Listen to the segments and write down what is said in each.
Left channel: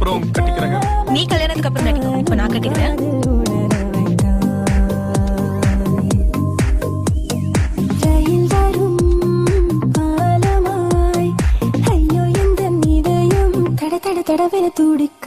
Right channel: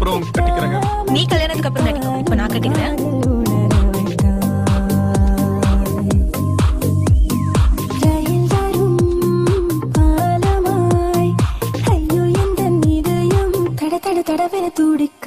அப்புறம் கட்டிக்கிறேங்க. நீ கல்யாணத்துக்கு அப்புறம் கட்டிக்கோ. இப்ப நான் கட்டிக்கிறேன். தடவை துடிக்க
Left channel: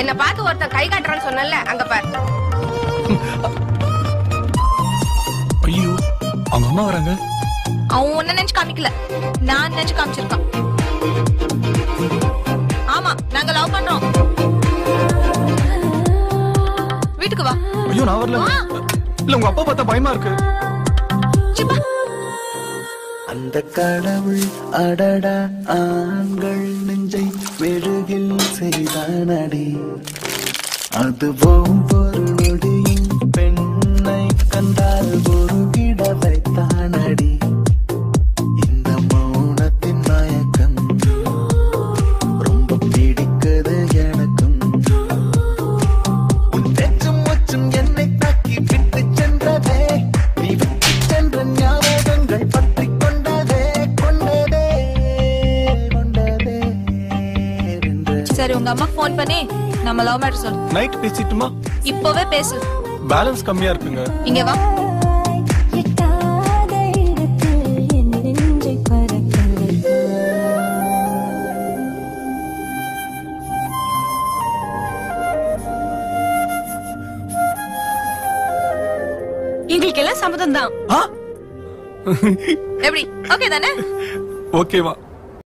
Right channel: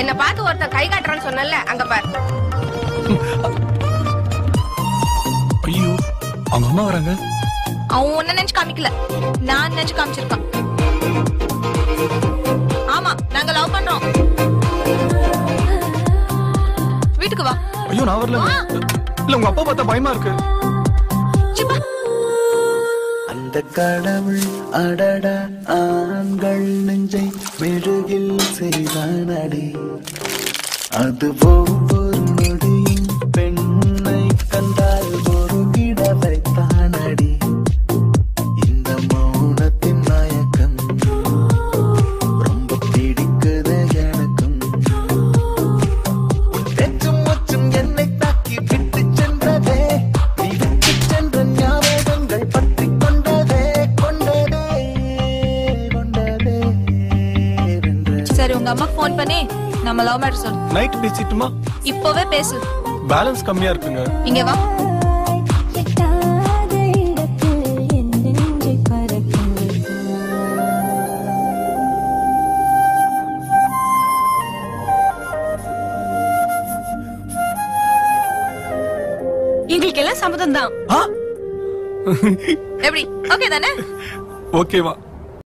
என்ன பார்த்து ஒருத்தன் கை காட்டுறான்னு சொன்னல, அங்க பாரு. ஐயோ, அவங்க அம்மா வராங்க. அவன் ஒன்ன நினைச்சு காமிக்கல, நான் நினைச்சு காமிச்சிருக்கான். ஆமா, நாங்க லவ் பண்றோம். வீட்டுக்கு வா. ஐயோ, நான் வரல. இல்ல, உங்க அப்பா பார்த்தா பயமா இருக்கு. அந்த கடவுள் அடடா ஆண்கள் நெஞ்சை மெழுகில் செய்தானடி, அது ஒவ்வொரு நொடியும் பெண்ணை கண்டால் ஒரு கிட வைத்தானடி. இந்த மௌனத்தின் மயக்கம் ரொம்ப பிடிக்குது எனக்கும். உன் பேச்சும் மூச்சும் என்னை தாக்கி விட்டு சென்றதே, நீ விட்டு சென்ற ஞாபகங்கள் பற்றி சரி, உங்க அம்மா போன் பண்ணி நம்ம லவ் மேட்டர் சொல்லு. நைட் பேசிட்டுமா? இப்பவே பேசு. பேலன்ஸ் கம்மியா இருக்குங்க. இங்க வா. எங்களுக்கு எல்லாம் சம்மதம் தான். எப்படி? ஓகே தானே? ஓகேவா?